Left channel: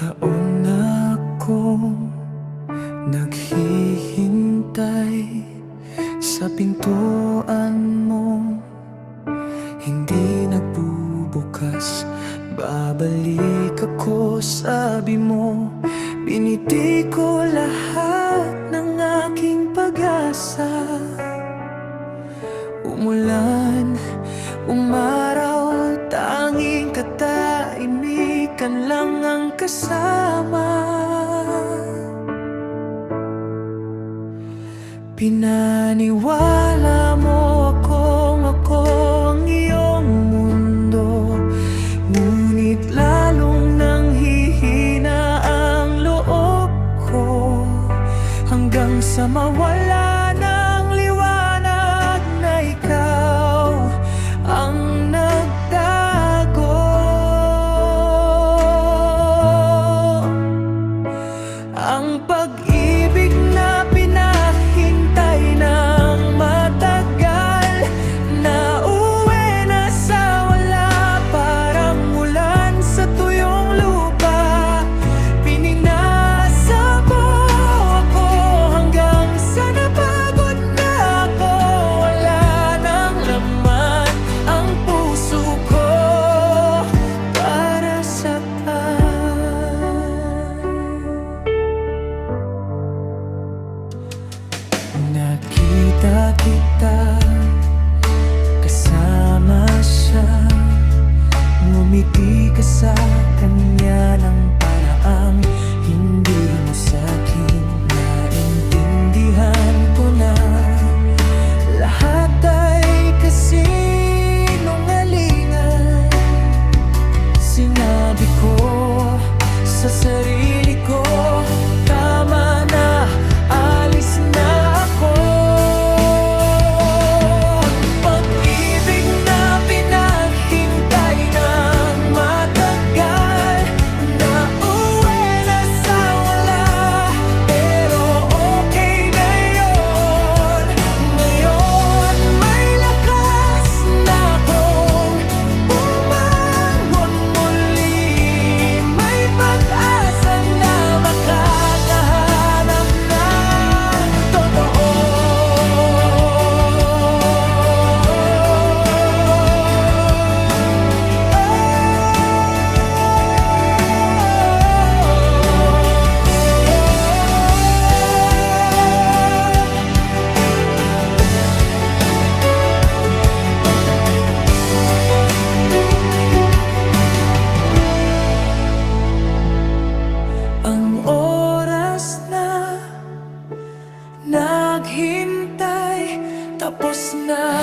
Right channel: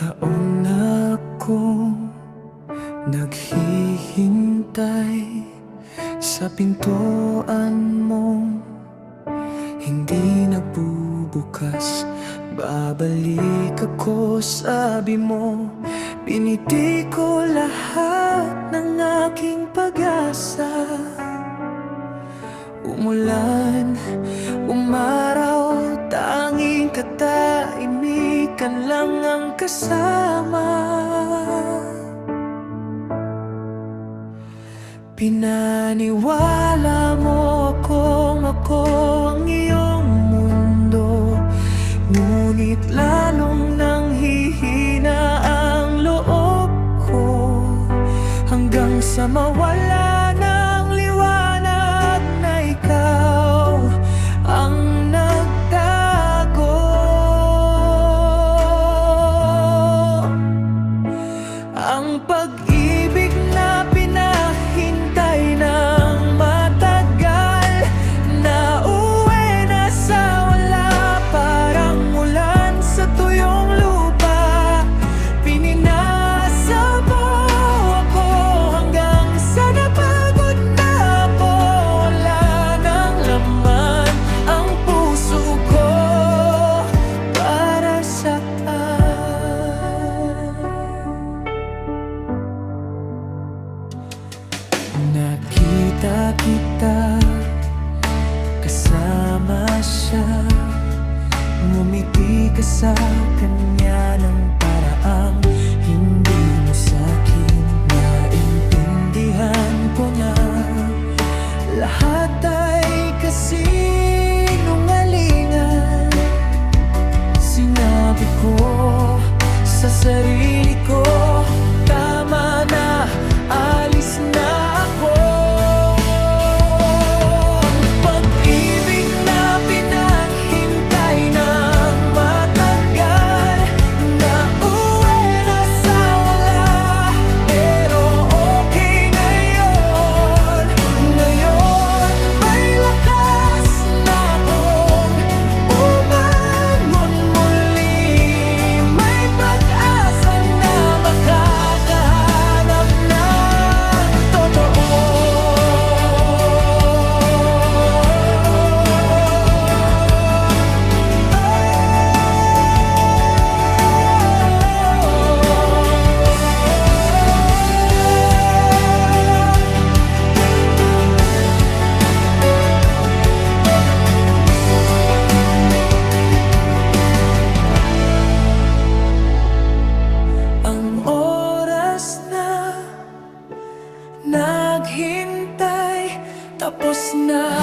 taon na akong naghihintay sa pintuan mo, hindi nagbubukas. Babalik ako, sabi mo. Biniti ko lahat ng aking pag-asa. Umulan, umaraw, tanging katahimikan lang ang kasama. Pinaniwala mo ako ang iyong mundo, ngunit lalong nang hihina ang loob ko, hanggang sa mawala ng liwanag na ikaw ang nagtago. Ang pag-ibig na pinahintay ng matagal, na uwi na sa wala, parang ulan sa tuyong lupa. Pininasa mo ako hanggang sa napagod na ako. Wala nang laman ang puso ko para saan. Nakita kita, kasama siya, ngumiti ka sa kanya ng paraang hindi mo sa'kin. Naintindihan ko na lahat ay kasinungalingan. Sinabi ko sa sarili ko, tama na, alis na ako. Ang pag-ibig na pinaghintay ng matagal, na uwi na sa wala, pero okay na yun. Ngayon may lakas na akong bumangon muli, may pag-asa na makakahanap ng totoo. Ang oras na naghintay, tapos na.